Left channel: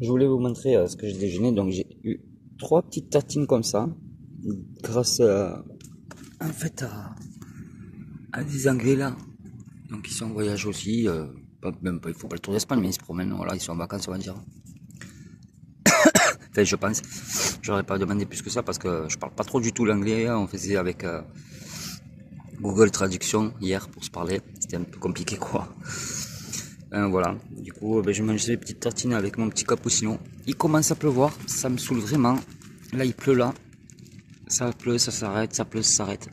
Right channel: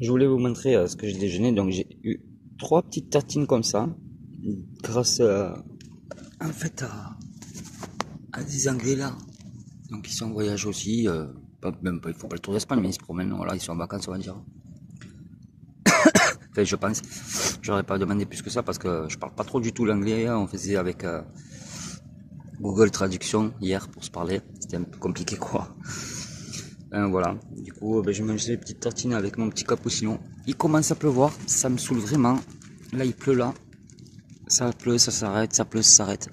je voulais vous montrer ce que j'ai déjeuné. Donc j'ai eu 3 petites tartines comme ça, grâce en fait à des Anglais là. Donc ils sont en voyage aussi, même pas, il faut pas le tour d'Espagne, mais ils se promènent, voilà, ils sont en vacances on va dire. Enfin je pense, j'aurais pas demandé plus que ça parce que je parle pas trop du tout l'anglais, on faisait avec Google Traduction hier pour se parler, c'était un peu compliqué quoi. Voilà, du coup je mangeais des petites tartines avec mon petit cappuccino. Il commence à pleuvoir, ça me saoule vraiment. Là il pleut là, ça pleut, ça s'arrête, ça pleut, ça s'arrête.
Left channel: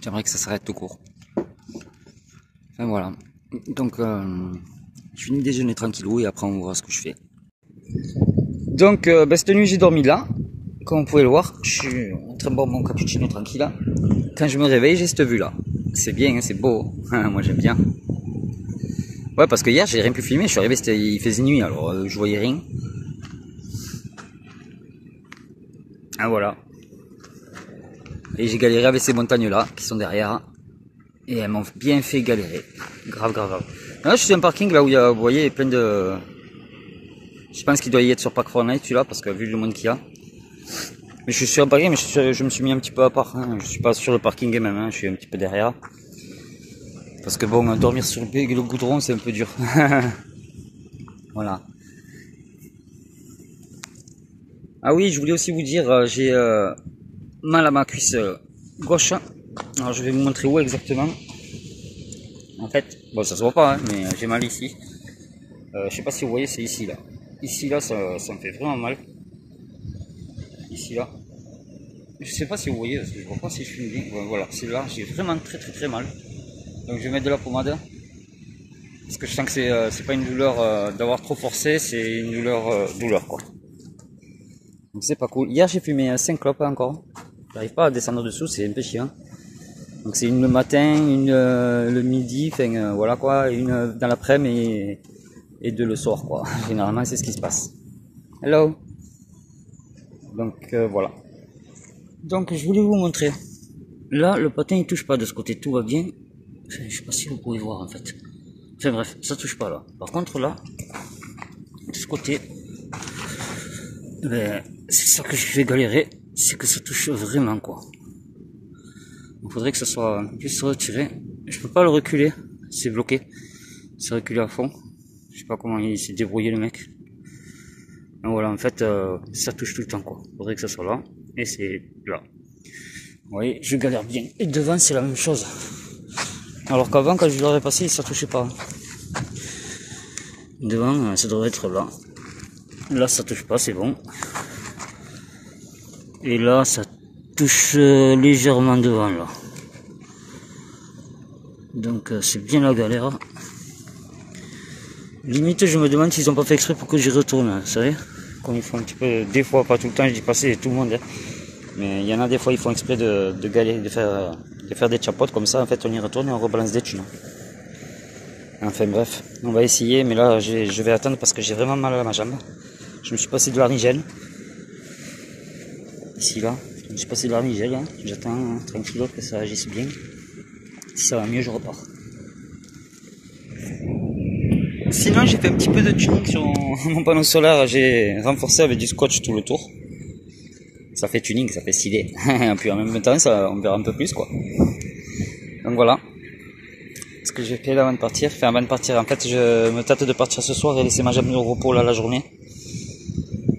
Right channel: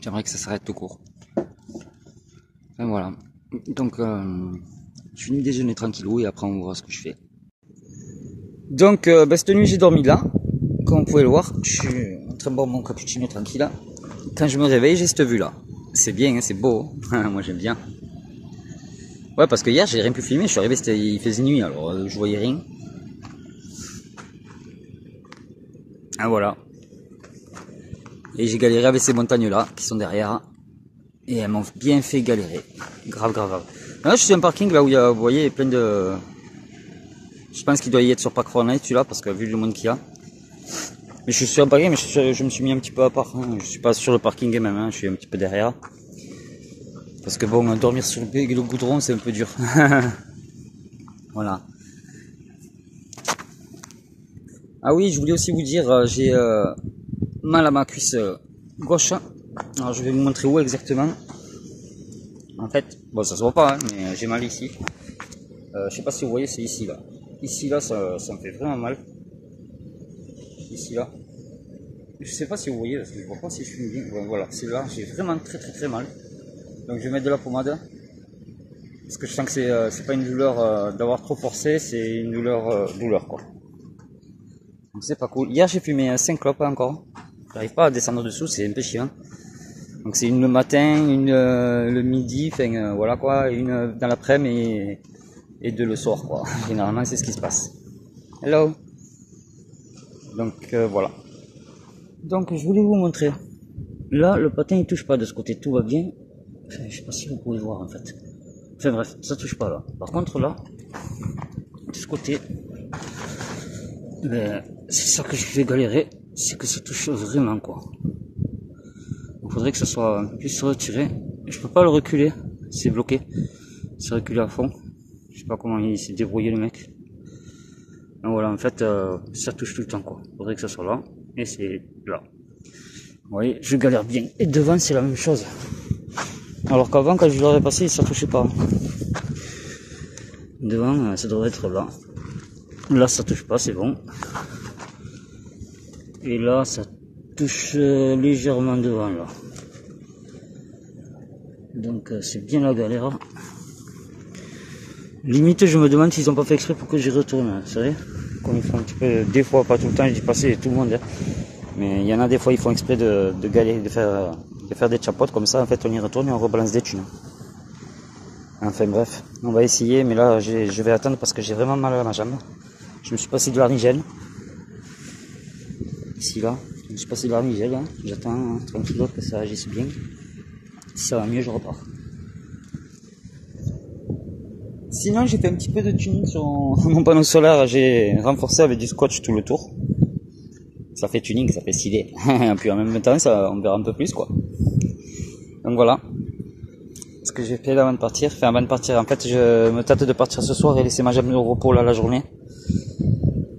J'aimerais que ça s'arrête tout court. Enfin voilà, donc je finis de déjeuner tranquillou et après on verra ce que je fais. Donc cette nuit j'ai dormi là, comme vous pouvez le voir, je suis en train de boire mon cappuccino tranquille là. Quand je me réveille j'ai cette vue là, c'est bien, hein, c'est beau, moi j'aime bien. Ouais, parce que hier j'ai rien pu filmer, je suis arrivé, il faisait nuit, alors je voyais rien. Ah voilà. Et j'ai galéré avec ces montagnes là, qui sont derrière. Et elles m'ont bien fait galérer. Grave, grave, grave. Là je suis sur un parking là où il y a, vous voyez, plein de... Je pense qu'il doit y être sur Park Fortnite celui-là, parce que vu le monde qu'il y a. Mais je suis sur un parking, mais je me suis mis un petit peu à part. Hein. Je suis pas sur le parking même, hein. Je suis un petit peu derrière. Parce que bon, dormir sur le goudron, c'est un peu dur. Voilà. Ah oui, je voulais aussi vous dire, j'ai mal à ma cuisse gauche. Alors je vais vous montrer où exactement. En fait, bon ça se voit pas, hein, mais j'ai mal ici. Je sais pas si vous voyez, c'est ici là. Ici là, ça me fait vraiment mal. Ici là. Je sais pas si vous voyez, parce que je vois pas si je filme bien. Ouais, voilà, c'est là, j'ai vraiment très mal. Donc je vais mettre de la pommade. Parce que je sens que c'est pas une douleur d'avoir trop forcé, c'est une douleur quoi. Donc c'est pas cool. Hier j'ai fumé 5 clopes encore. J'arrive pas à descendre dessous, c'est un peu chiant. Donc c'est une le matin, une le midi, enfin voilà quoi, une dans l'après-midi et deux le soir quoi. Généralement c'est ce qui se passe. Hello. Donc voilà. Donc je voulais vous montrer. Là le patin il touche pas de ce côté, tout va bien. Enfin, je sais pas si vous pouvez voir en fait. Enfin bref, ça touche pas là. Par contre là, de ce côté, ben, c'est ça que je vais galérer, c'est que ça touche vraiment quoi. Il faudrait que ça soit un peu plus retiré. Je peux pas le reculer, c'est bloqué. C'est reculé à fond. Je sais pas comment il s'est débrouillé le mec. Donc voilà, en fait, ça touche tout le temps quoi. Il faudrait que ça soit là, et c'est là. Vous voyez, je galère bien. Et devant, c'est la même chose. Alors qu'avant, quand je l'aurais passé, ça touchait pas. Devant, ça devrait être là. Là, ça touche pas, c'est bon. Et là, ça touche légèrement devant, là. Donc, c'est bien la galère. Limite, je me demande s'ils ont pas fait exprès pour que j'y retourne, vous savez. Comme ils font un petit peu, des fois, pas tout le temps, je dis pas c'est tout le monde. Hein. Mais il y en a des fois, ils font exprès de galérer, de faire des chapotes comme ça. En fait, on y retourne et on rebalance des thunes. Enfin bref, on va essayer, mais là je vais attendre parce que j'ai vraiment mal à ma jambe. Je me suis passé de l'arnigène. Ici là, je me suis passé de l'arnigène. Hein. J'attends tranquille que ça agisse bien. Si ça va mieux, je repars. Sinon, j'ai fait un petit peu de tuning sur mon panneau solaire. J'ai renforcé avec du scotch tout le tour. Ça fait tuning, ça fait stylé. Et puis en même temps, ça, on verra un peu plus quoi. Donc voilà. Ce que j'ai fait là avant de partir. Enfin, avant de partir, en fait, je me tâte de partir ce soir et laisser ma jambe au repos là la journée.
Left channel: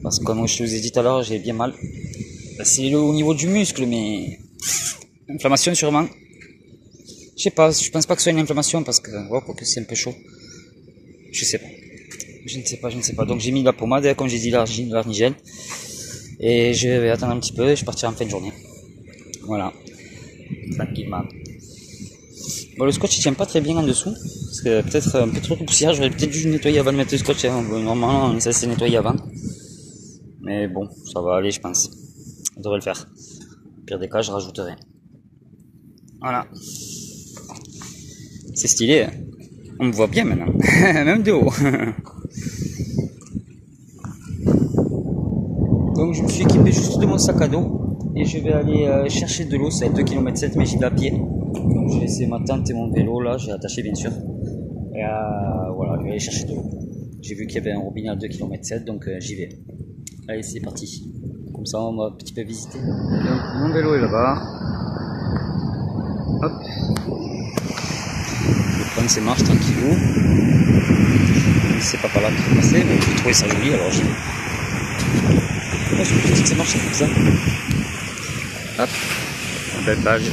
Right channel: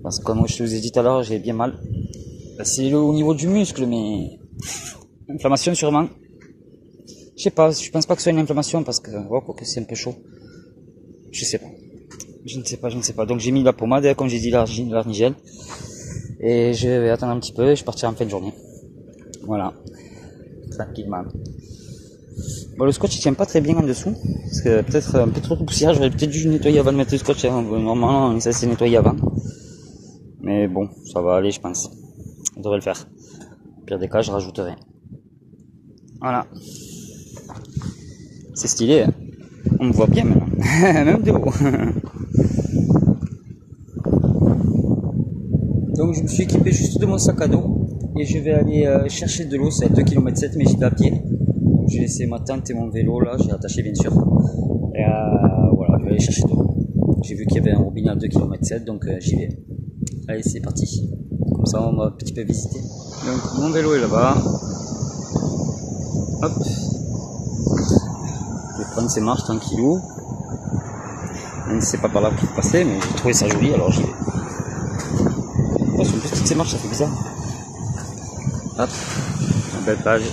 Parce que comme je vous ai dit tout à l'heure, j'ai bien mal. C'est au niveau du muscle, mais inflammation sûrement. Je sais pas, je pense pas que ce soit une inflammation parce que oh, que c'est un peu chaud. Je sais pas. Je ne sais pas. Donc j'ai mis de la pommade, comme j'ai dit, l'arnigène. Et je vais attendre un petit peu et je partirai en fin de journée. Voilà. Tranquillement. Bon, le scotch il tient pas très bien en dessous. Parce que peut-être un peu trop de poussière. J'aurais peut-être dû nettoyer avant de mettre le scotch. Hein. Normalement, ça s'est nettoyé avant. Mais bon, ça va aller, je pense. On devrait le faire. Au pire des cas, je rajouterai. Voilà. C'est stylé, hein. On me voit bien maintenant. Même de haut. Donc je me suis équipé juste de mon sac à dos. Et je vais aller chercher de l'eau. C'est à 2,7 km, mais j'y vais à pied. Donc j'ai laissé ma tente et mon vélo là. J'ai attaché bien sûr. Et voilà, je vais aller chercher de l'eau. J'ai vu qu'il y avait un robinet à 2,7 km, donc j'y vais. Allez, c'est parti. Comme ça, on va un petit peu visiter. Donc, mon vélo est là-bas. Hop. Je vais prendre ces marches tranquillou. Même si c'est pas par là qu'il faut passer, mais j'ai trouvé ça joli, alors j'y vais. Oh, je me dis que ces marches, ça fait bizarre. Hop. Une belle plage.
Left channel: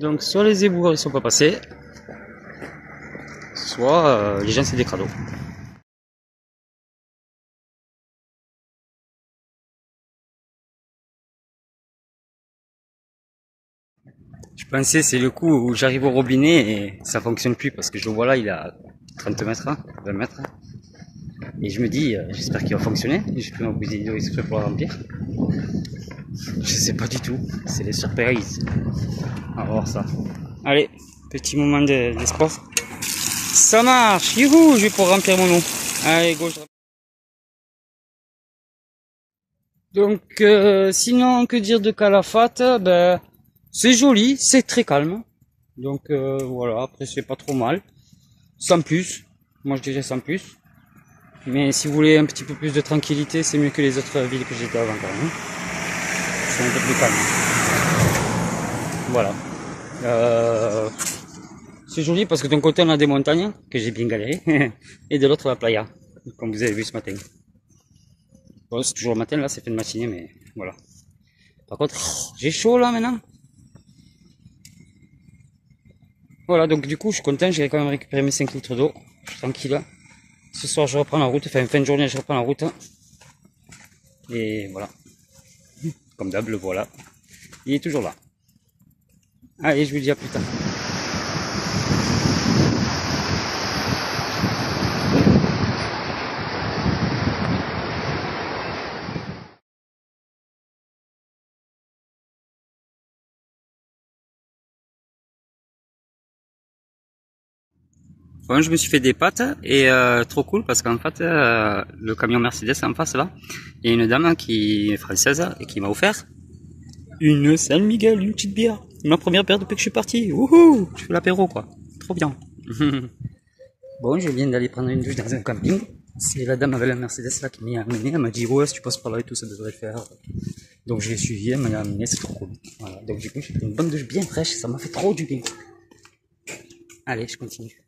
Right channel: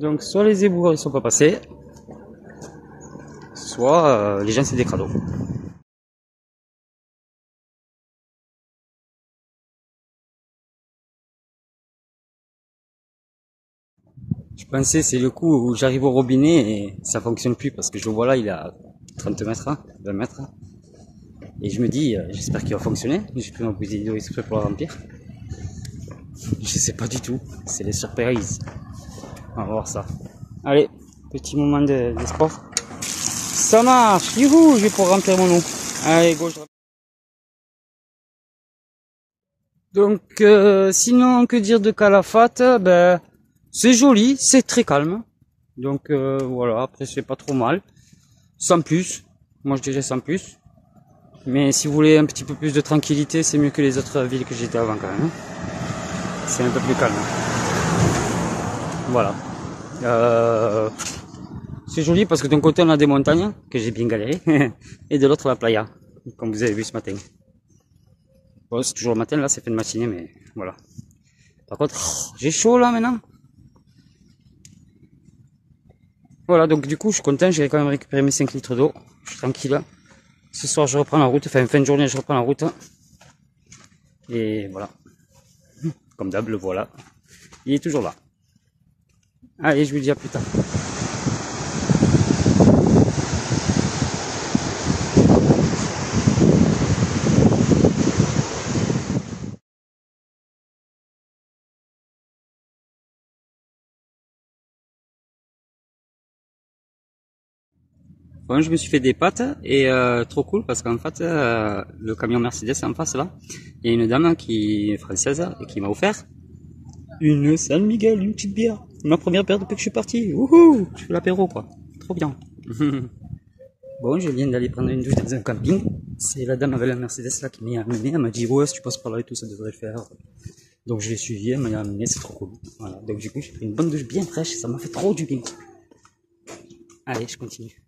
Donc soit les éboueurs ils sont pas passés, soit les gens c'est des crados. Je pensais c'est le coup où j'arrive au robinet et ça fonctionne plus parce que je le vois là il est à 30 mètres, 20 mètres. Et je me dis j'espère qu'il va fonctionner. J'ai pris ma bouteille d'eau exprès pour la remplir. Je sais pas du tout, c'est les surprises. On va voir ça. Allez, petit moment de sport. Ça marche, youhou, je vais pouvoir remplir mon eau. Allez, gauche. Donc, sinon, que dire de Calafate? Ben, c'est joli, c'est très calme. Donc, voilà, après, c'est pas trop mal. Sans plus. Moi, je dirais sans plus. Mais si vous voulez un petit peu plus de tranquillité, c'est mieux que les autres villes que j'étais avant quand même. C'est un peu plus calme. Voilà. C'est joli parce que d'un côté on a des montagnes, que j'ai bien galéré, et de l'autre la playa, comme vous avez vu ce matin. Bon, c'est toujours le matin, là c'est fait de matinée, mais voilà. Par contre, j'ai chaud là maintenant. Voilà, donc du coup je suis content, j'ai quand même récupéré mes 5 litres d'eau, je suis tranquille. Ce soir je reprends la route, enfin fin de journée je reprends la route. Et voilà. Comme d'hab, le voilà. Il est toujours là. Allez, je vous dis à plus tard. Bon, je me suis fait des pâtes et trop cool parce qu'en fait le camion Mercedes en face là, il y a une dame qui est française et qui m'a offert une San Miguel, une petite bière. Ma première bière depuis que je suis parti. Wouhou, je fais l'apéro quoi. Trop bien. Bon, je viens d'aller prendre une douche dans un camping. C'est la dame avec la Mercedes là qui m'y a amené. Elle m'a dit ouais si tu passes par là et tout ça devrait le faire. Donc je l'ai suivi, elle m'a amené, c'est trop cool. Voilà. Donc du coup j'ai pris une bonne douche bien fraîche, ça m'a fait trop du bien. Allez, je continue.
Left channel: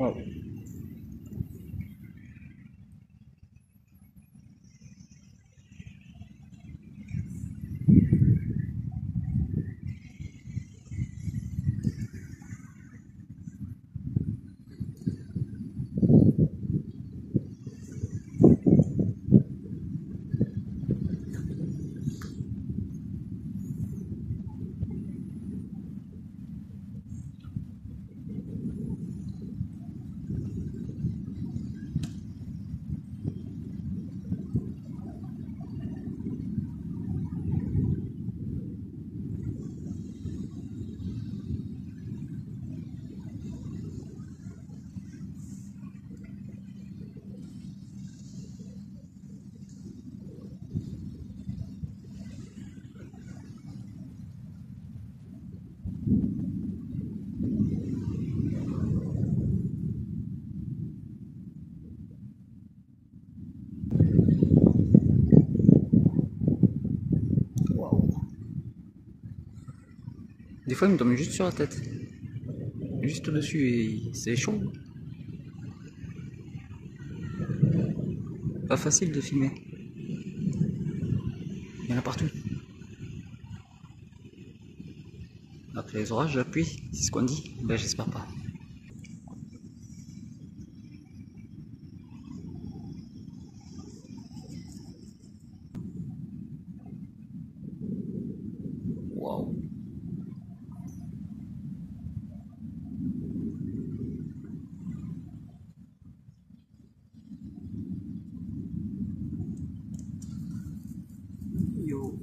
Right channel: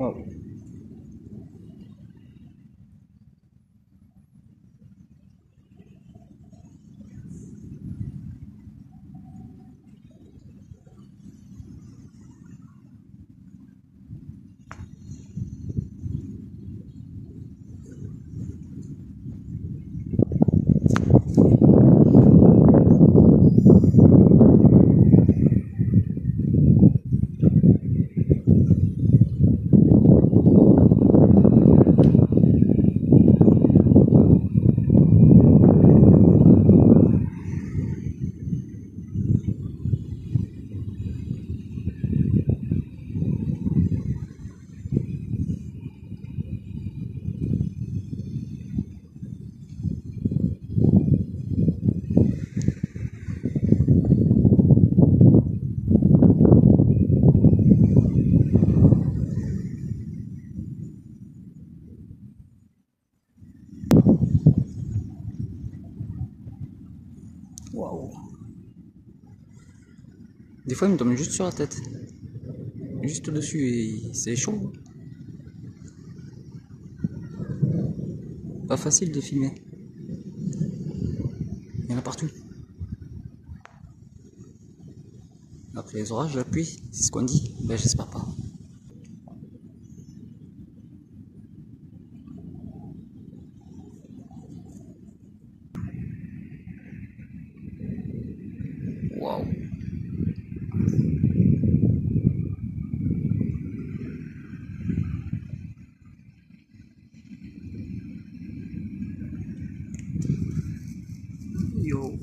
Wow. Waouh. Des fois, il me tombe juste sur la tête. Juste au-dessus, et c'est chaud. Pas facile de filmer. Il y en a partout. Après les orages, la pluie, c'est ce qu'on dit. Ben, j'espère pas. Waouh. Yo.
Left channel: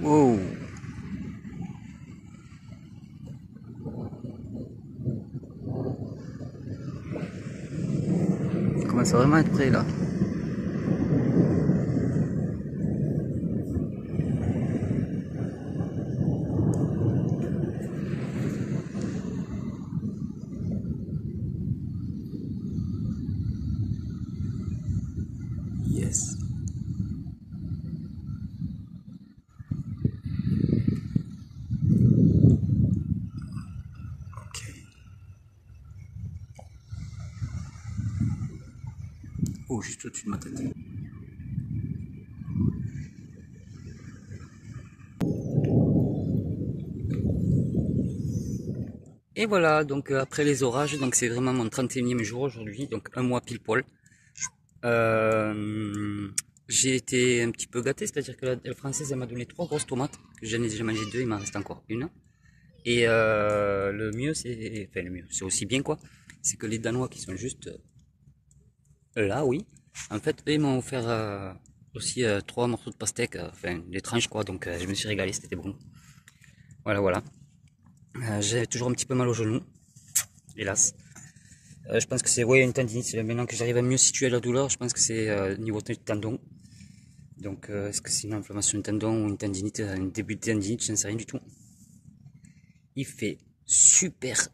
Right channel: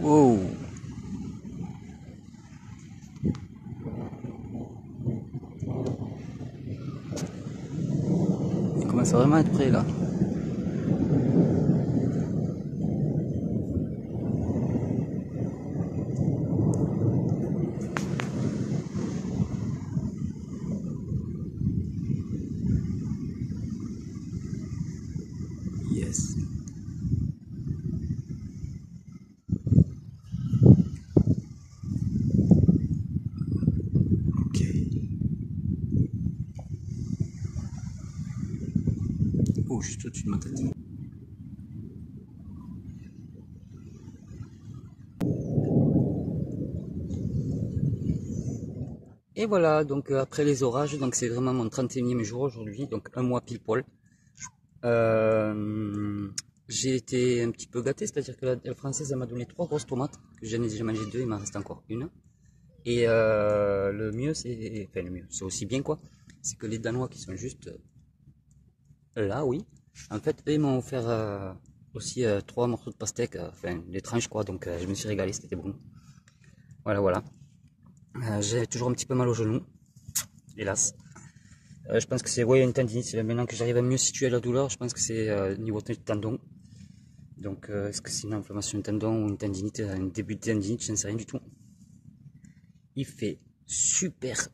Wow. Il commence vraiment à être prêt là. Yes. Ok. Oh, juste au-dessus de ma tête. Et voilà, donc après les orages, donc c'est vraiment mon 31e jour aujourd'hui, donc un mois pile poil. J'ai été un petit peu gâté, c'est-à-dire que la française elle m'a donné 3 grosses tomates, que j'en ai déjà mangé 2, il m'en reste encore une. Et le mieux, enfin le mieux, c'est aussi bien quoi, c'est que les Danois qui sont juste là, oui, en fait, eux, ils m'ont offert aussi 3 morceaux de pastèque, enfin des tranches quoi, donc je me suis régalé, c'était bon. Voilà, voilà. J'ai toujours un petit peu mal au genou, hélas. Je pense que c'est une tendinite, maintenant que j'arrive à mieux situer la douleur, je pense que c'est niveau tendon. Donc est-ce que c'est une inflammation de tendon ou une tendinite, un début de tendinite, je ne sais rien du tout. Il fait super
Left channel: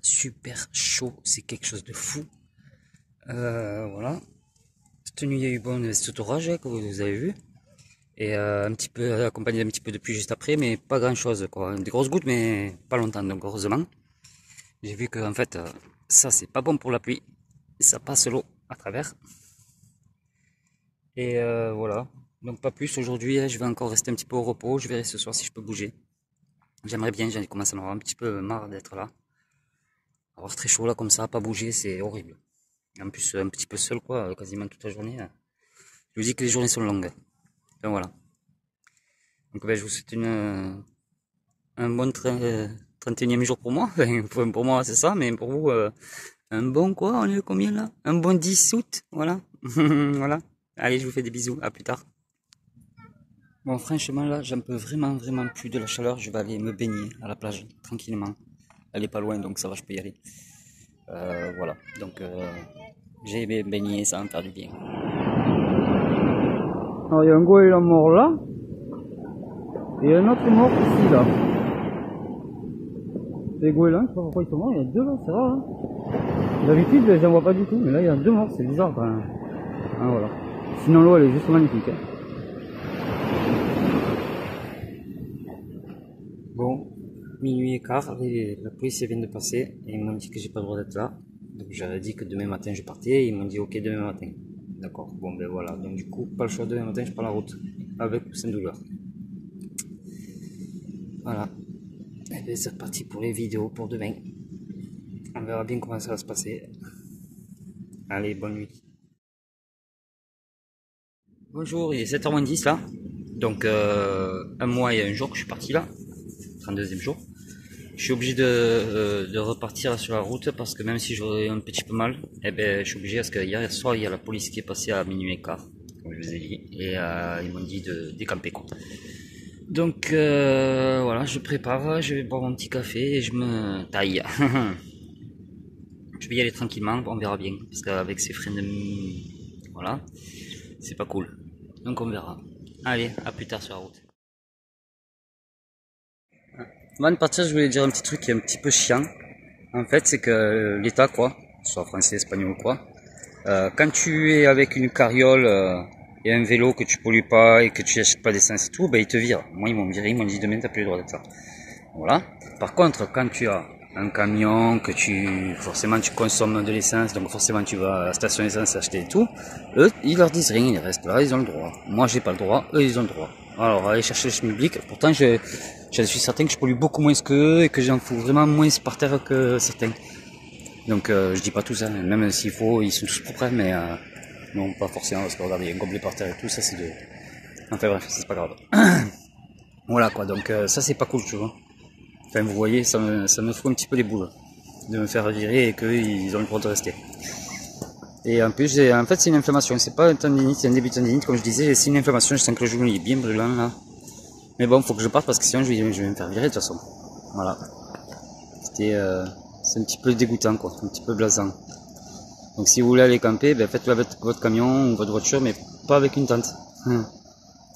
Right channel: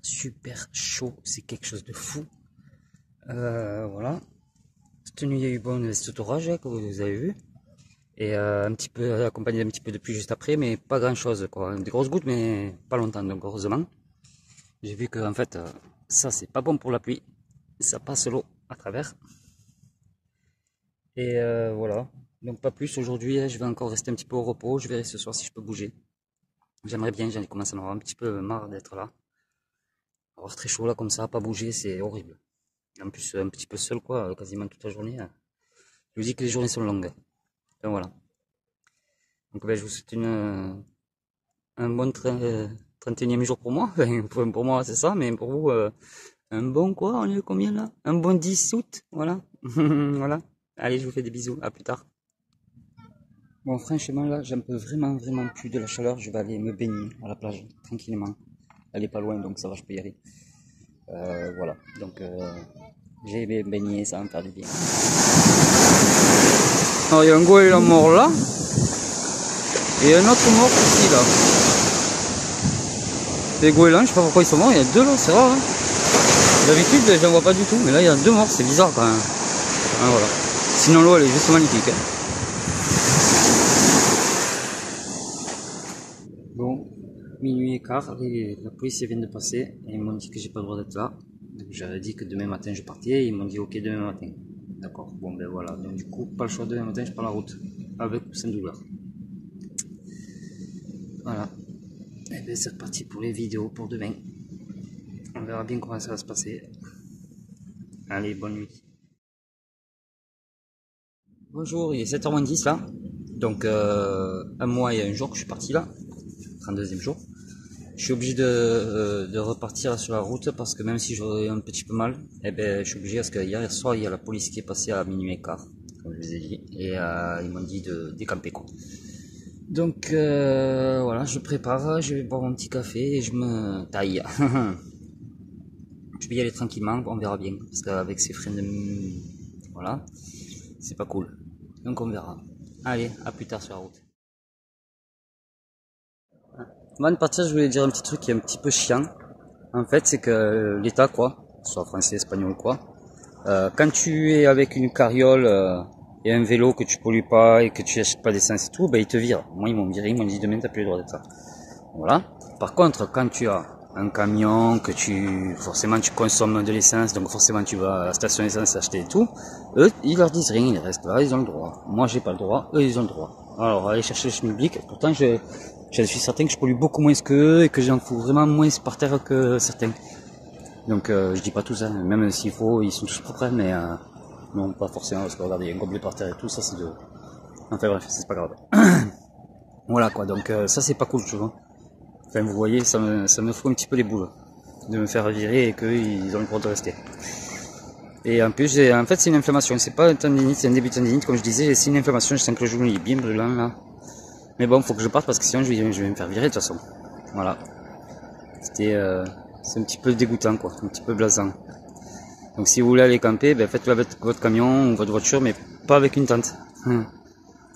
chaud, c'est quelque chose de fou. Voilà. Cette nuit il y a eu bon cet orage que vous avez vu. Et un petit peu accompagné d'un petit peu de pluie juste après, mais pas grand chose quoi. Des grosses gouttes mais pas longtemps, donc heureusement. J'ai vu que en fait ça c'est pas bon pour la pluie. Ça passe l'eau à travers. Et voilà. Donc pas plus aujourd'hui, je vais encore rester un petit peu au repos. Je verrai ce soir si je peux bouger. J'aimerais bien, j'ai commencé à m'avoir un petit peu marre d'être là. Avoir très chaud là comme ça, pas bouger, c'est horrible. En plus un petit peu seul quoi, quasiment toute la journée. Je vous dis que les journées sont longues. Enfin voilà. Donc ben, je vous souhaite un bon 31e jour pour moi. Enfin, pour moi c'est ça, mais pour vous, un bon quoi, on est combien là? Un bon 10 août, voilà. Voilà. Allez, je vous fais des bisous, à plus tard. Bon, franchement, là, j'en peux vraiment plus de la chaleur. Je vais aller me baigner à la plage, tranquillement. Elle est pas loin, donc ça va, je peux y aller. Voilà, donc j'ai baigné, ça va me faire du bien. Alors, il y a un goéland mort là, et un autre mort ici, là. Les goélands, je sais pas pourquoi ils sont morts, il y a 2 là, c'est rare. Hein. D'habitude, j'en vois pas du tout, mais là, il y a 2 morts, c'est bizarre quand même. Ah, voilà. Sinon l'eau elle est juste magnifique. Hein. Bon, minuit et quart, la police vient de passer et ils m'ont dit que j'ai pas le droit d'être là. Donc j'avais dit que demain matin je partais et ils m'ont dit ok demain matin. D'accord, bon ben voilà, donc du coup pas le choix, demain matin je prends la route, avec ou sans douleur. Voilà, et bien c'est reparti pour les vidéos pour demain. On verra bien comment ça va se passer. Allez, bonne nuit. Bonjour, il est 7h10 là. Donc un mois et un jour que je suis parti là, 32e jour. Je suis obligé de repartir sur la route parce que même si j'aurais un petit peu mal, eh ben, je suis obligé parce que hier soir il y a la police qui est passée à minuit et quart, comme je vous ai dit, et ils m'ont dit de décamper quoi. Donc voilà, je prépare, je vais boire mon petit café et je me taille. Je vais y aller tranquillement, on verra bien, parce qu'avec ces freins de... voilà, c'est pas cool. Donc on verra. Allez, à plus tard sur la route. Avant de partir, je voulais dire un petit truc qui est un petit peu chiant. En fait, c'est que l'État, quoi, soit français, espagnol, quoi, quand tu es avec une carriole et un vélo que tu pollues pas et que tu achètes pas d'essence et tout, ben ils te virent. Moi, ils m'ont viré, ils m'ont dit demain, t'as plus le droit d'être là. Voilà. Par contre, quand tu as un camion, que forcément tu consommes de l'essence, donc forcément tu vas à la station d'essence acheter et tout, eux, ils leur disent rien, ils restent là, ils ont le droit. Moi, j'ai pas le droit, eux, ils ont le droit. Alors, aller chercher le schmilblick, pourtant, je suis certain que je pollue beaucoup moins qu'eux et que j'en fous vraiment moins par terre que certains. Donc, je dis pas tout ça, même s'il faut, ils sont tous propres, mais non, pas forcément, parce que regardez, il y a un gobelet par terre et tout, ça c'est de... Enfin bref, c'est pas grave. Voilà quoi, donc ça c'est pas cool, tu vois. Enfin, vous voyez, ça me fout un petit peu les boules de me faire virer et qu'ils ont le droit de rester. Et en plus, en fait, c'est une inflammation. C'est pas un tendinite, c'est un début de tendinite, comme je disais. C'est une inflammation. Je sens que le genou est bien brûlant là. Mais bon, faut que je parte parce que sinon, je vais me faire virer de toute façon. Voilà. C'est un petit peu dégoûtant, quoi. Un petit peu blasant. Donc, si vous voulez aller camper, ben, faites-le avec votre camion ou votre voiture, mais pas avec une tente.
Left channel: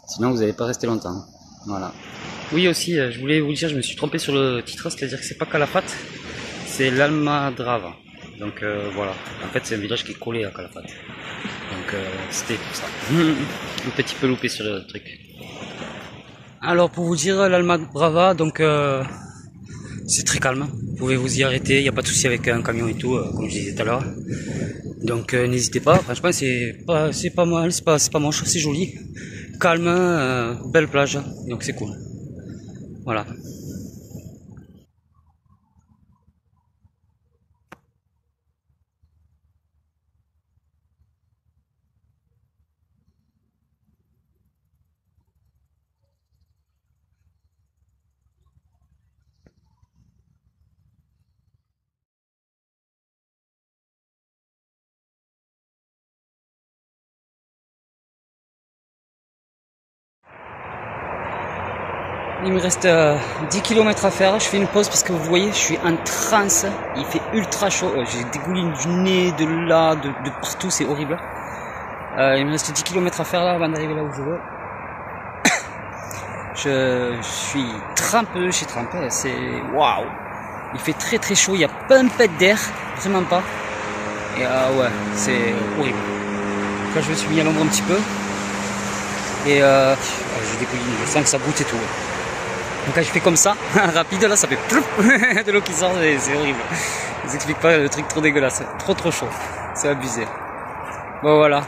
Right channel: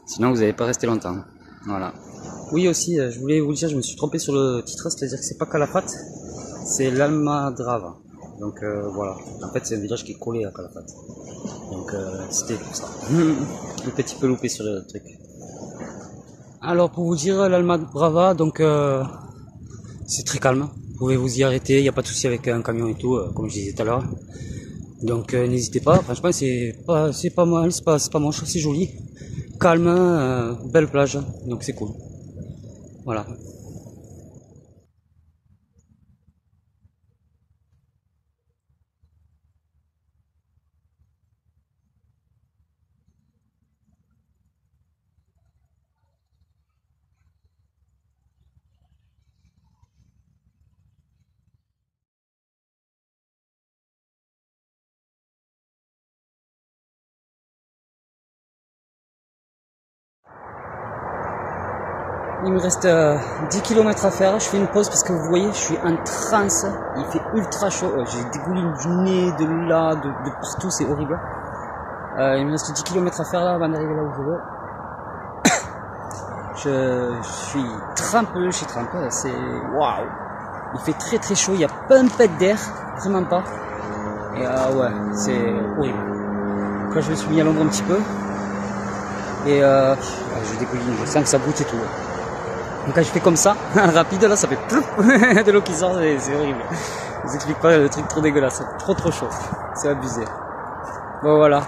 Sinon, vous n'allez pas rester longtemps. Voilà. Oui aussi, je voulais vous dire, je me suis trompé sur le titre, c'est-à-dire que c'est pas Calafate, c'est l'Almadrava. Donc voilà, en fait c'est un village qui est collé à Calafate. Donc c'était pour ça. Un petit peu loupé sur le truc. Alors pour vous dire, l'Almadrava, donc c'est très calme. Vous pouvez vous y arrêter, il n'y a pas de souci avec un camion et tout, comme je disais tout à l'heure. Donc n'hésitez pas, franchement c'est pas mal, c'est pas moche, c'est joli. Calme, belle plage, donc c'est cool. Voilà. Il me reste 10 km à faire, je fais une pause parce que vous voyez, je suis en transe, il fait ultra chaud, j'ai des goulines du nez, de là, de partout, c'est horrible. Il me reste 10 km à faire là avant d'arriver là où je veux. Je suis trempé, c'est waouh. Il fait très très chaud, il n'y a pas un pet d'air, vraiment pas. Et ouais, c'est horrible. Quand je me suis mis à l'ombre un petit peu, et je dégouline, je sens que ça goûte et tout. Donc quand je fais comme ça, rapide là, ça fait plouf, de l'eau qui sort, c'est horrible. Je vous explique pas, le truc trop dégueulasse, trop chaud, c'est abusé. Bon voilà,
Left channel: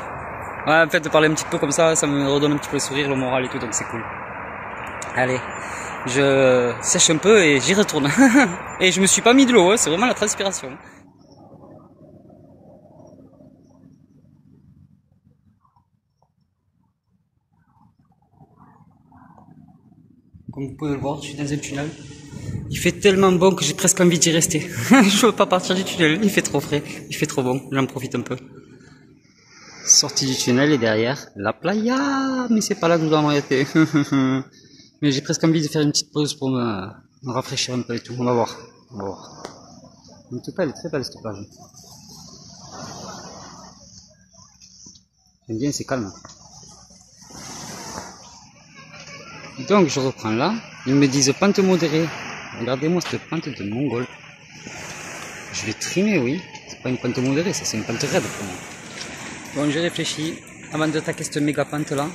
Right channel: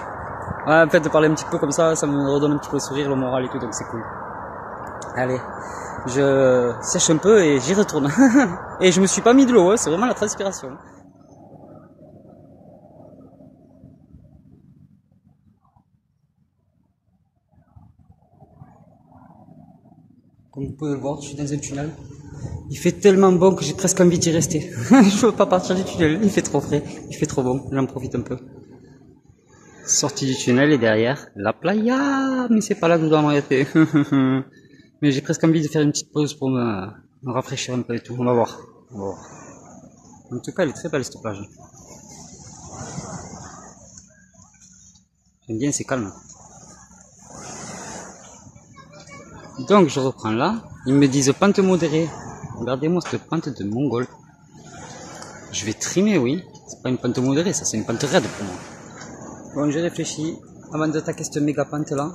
ouais, en fait de parler un petit peu comme ça me redonne un petit peu le sourire, le moral et tout, donc c'est cool. Allez, je sèche un peu et j'y retourne. Et je me suis pas mis de l'eau, hein, c'est vraiment la transpiration. Comme vous pouvez le voir, je suis dans un tunnel. Il fait tellement bon que j'ai presque envie d'y rester. Je veux pas partir du tunnel, il fait trop frais, il fait trop bon, j'en profite un peu. Sortie du tunnel et derrière, la playa, mais c'est pas là que je dois m'arrêter. Mais j'ai presque envie de faire une petite pause pour me rafraîchir un peu et tout, on va voir. En tout cas, elle est très belle cette plage. J'aime bien, c'est calme. Donc je reprends là, ils me disent pente modérée. Regardez-moi cette pente de mongol. Je vais trimer, oui. C'est pas une pente modérée, ça c'est une pente raide pour moi. Bon, j'ai réfléchi. avant d'attaquer cette méga pente là,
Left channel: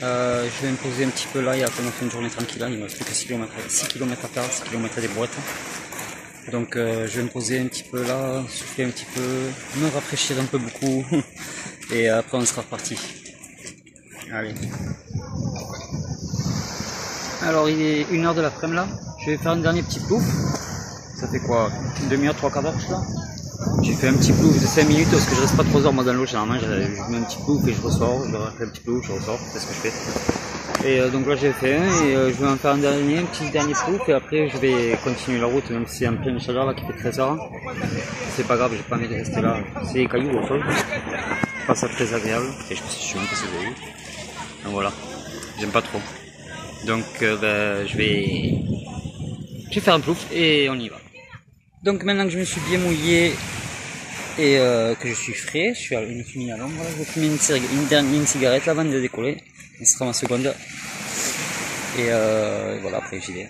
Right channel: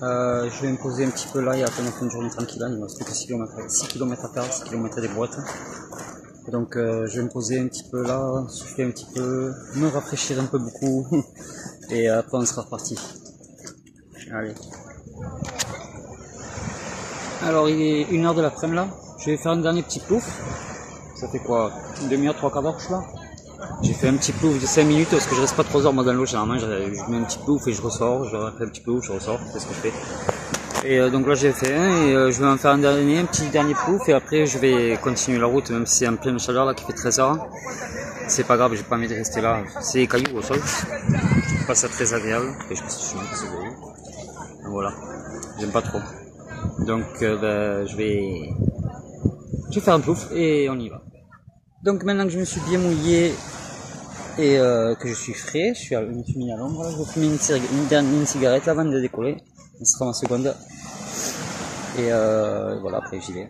je vais me poser un petit peu là et attendre la fin de journée tranquille. Là. Il me reste plus que 6 km à faire, 6 km des brouettes. Donc je vais me poser un petit peu là, souffler un petit peu, me rafraîchir un peu beaucoup et après on sera reparti. Allez. Alors il est 1h de l'après-midi là, je vais faire un dernier petit plouf. Ça fait quoi, une demi-heure, 3/4 d'heure que je suis là. J'ai fait un petit plouf de 5 minutes parce que je reste pas trop heures moi dans l'eau. Généralement je mets un petit plouf et je ressors, je refais un petit plouf, je ressors, c'est ce que je fais. Et donc là j'ai fait un et je vais en faire un petit dernier plouf et après je vais continuer la route même si c'est en pleine chaleur là qui fait 13 heures. C'est pas grave, j'ai pas envie de rester là, c'est des cailloux au sol, c'est pas ça très agréable. Et je pense que je suis même pas sûr. Donc voilà, j'aime pas trop. Donc je vais faire un plouf et on y va. Donc maintenant que je me suis bien mouillé et que je suis frais, je suis mis à l'ombre, je vais fumer une cigarette avant de décoller. Ce sera ma seconde. Et voilà, après j'y vais.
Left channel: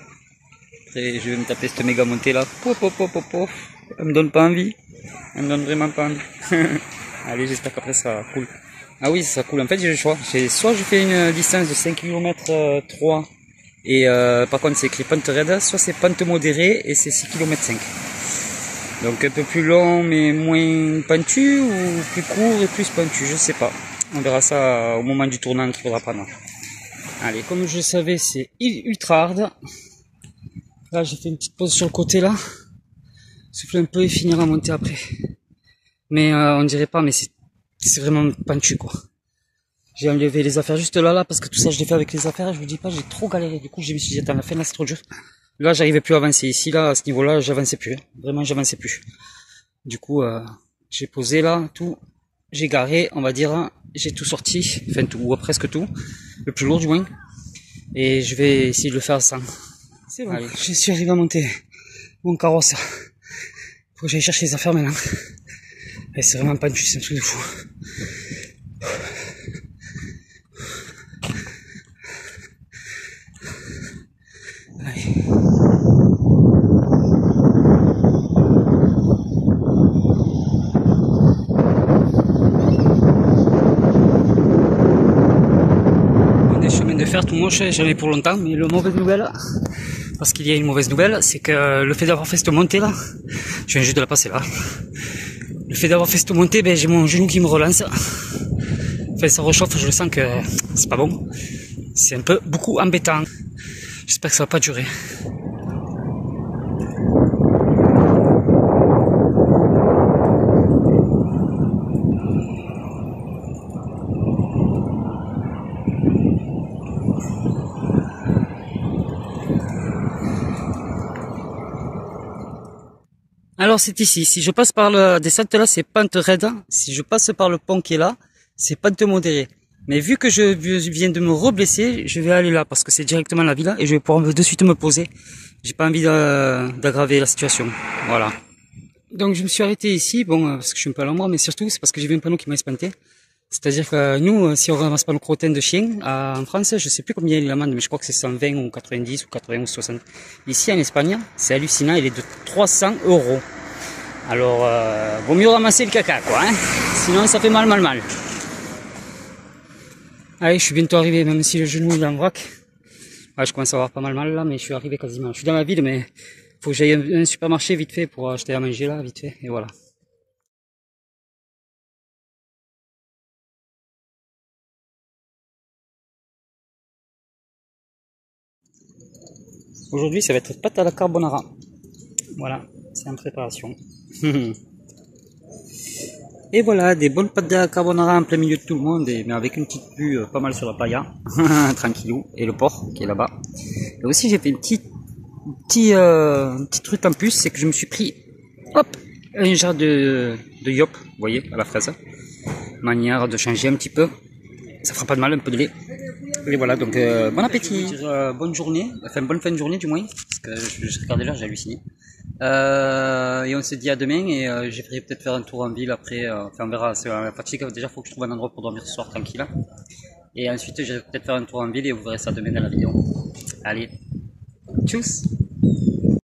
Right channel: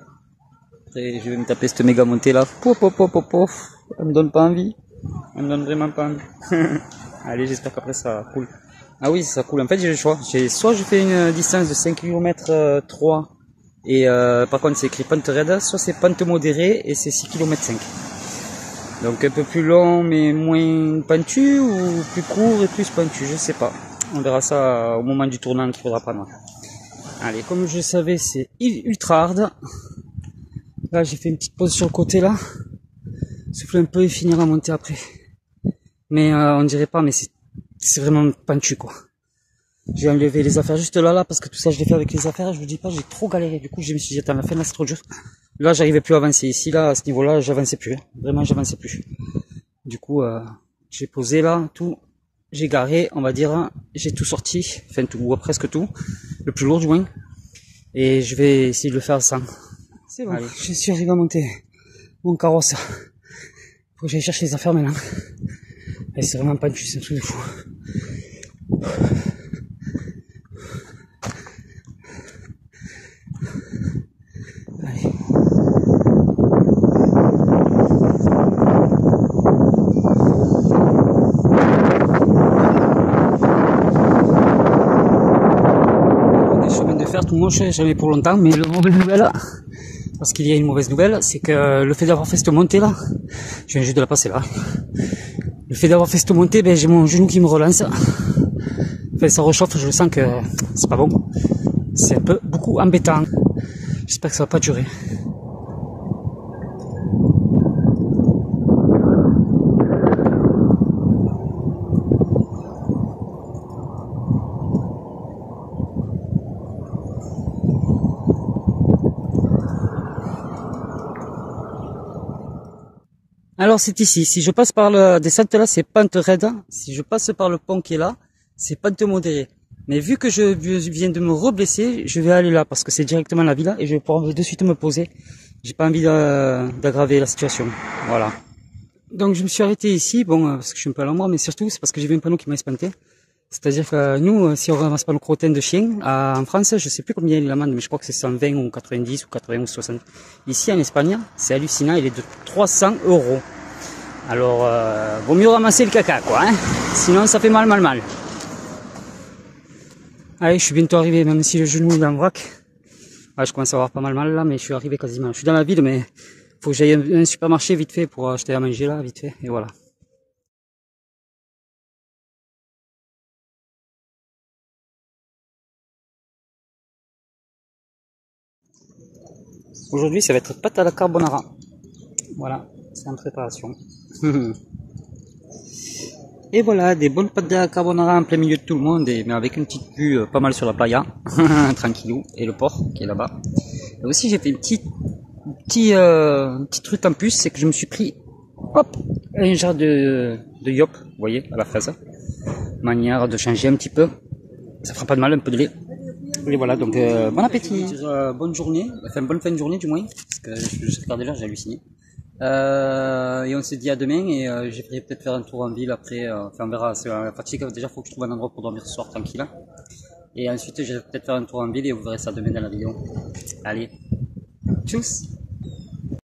Après je vais me taper cette méga montée là. Elle me donne pas envie. Elle me donne vraiment pas envie. Allez, j'espère qu'après ça sera cool. Ah oui, ça sera cool. En fait j'ai le choix. Soit je fais une distance de 5 km 3 et par contre c'est écrit pente raide, soit c'est pente modérée et c'est 6 km 5. Donc un peu plus long mais moins pentu ou plus court et plus pentu, je sais pas. On verra ça au moment du tournant qu'il faudra prendre. Allez, comme je le savais, c'est ultra hard. Là, j'ai fait une petite pause sur le côté là. Souffler un peu et finir à monter après. Mais on dirait pas, mais c'est vraiment pentu quoi. J'ai enlevé les affaires juste là parce que tout ça je l'ai fait avec les affaires et je vous dis pas, j'ai trop galéré. Du coup, je me suis dit, attends, la fin là c'est trop dur. Là, j'arrivais plus à avancer. Ici, là, à ce niveau-là, j'avançais plus. Vraiment, j'avançais plus. Du coup, j'ai posé là, tout. J'ai garé, on va dire, j'ai tout sorti. Enfin, tout, ou presque tout. Le plus lourd, du moins. Et je vais essayer de le faire sans. C'est bon. Allez. Je suis arrivé à monter mon carrosse. Faut que j'aille chercher les affaires maintenant. Et c'est vraiment pas une c'est un truc de fou. Allez. Des chemins de fer tout moche, j'en ai pour longtemps, mais la mauvaise nouvelle, parce qu'il y a une mauvaise nouvelle, c'est que le fait d'avoir fait cette montée là, je viens juste de la passer là, le fait d'avoir fait cette montée, ben, j'ai mon genou qui me relance, enfin ça réchauffe, je le sens que c'est pas bon, c'est un peu beaucoup embêtant, j'espère que ça va pas durer. Alors c'est ici, si je passe par la descente là, c'est pente raide. Si je passe par le pont qui est là, c'est pente modérée. Mais vu que je viens de me reblesser, je vais aller là parce que c'est directement la villa et je vais pouvoir de suite me poser. J'ai pas envie d'aggraver la situation. Voilà. Donc je me suis arrêté ici, bon, parce que je suis un peu à l'ombre, mais surtout c'est parce que j'ai vu un panneau qui m'a espanté. C'est-à-dire que nous, si on ramasse pas nos crottins de chien, en France, je sais plus combien il est l'amende, mais je crois que c'est 120 ou 90 ou 80 ou 60. Ici en Espagne, c'est hallucinant, il est de 300 €. Alors, vaut mieux ramasser le caca, quoi, hein. Sinon ça fait mal. Allez, je suis bientôt arrivé, même si le genou il est en vrac. Ouais, je commence à avoir pas mal là, mais je suis arrivé quasiment. Je suis dans la ville, mais faut que j'aille à un supermarché vite fait pour acheter à manger là, vite fait, et voilà. Aujourd'hui, ça va être pâte à la carbonara. Voilà, c'est en préparation. Et voilà, des bonnes pâtes à la carbonara en plein milieu de tout le monde, mais avec une petite vue pas mal sur la playa, tranquillou, et le port qui est là-bas. Et aussi, j'ai fait un petit truc en plus, c'est que je me suis pris, hop, un genre de yop, vous voyez, à la fraise. Manière de changer un petit peu. Ça fera pas de mal, un peu de lait. Et voilà, donc bon appétit, bonne journée, enfin bonne fin de journée du moins, parce que je regardais l'heure, j'ai halluciné. Et on se dit à demain et je vais peut-être faire un tour en ville après, enfin on verra, c'est la fatigue, déjà faut que je trouve un endroit pour dormir ce soir tranquille. Et ensuite je vais peut-être faire un tour en ville et vous verrez ça demain dans la vidéo. Allez, tchuss!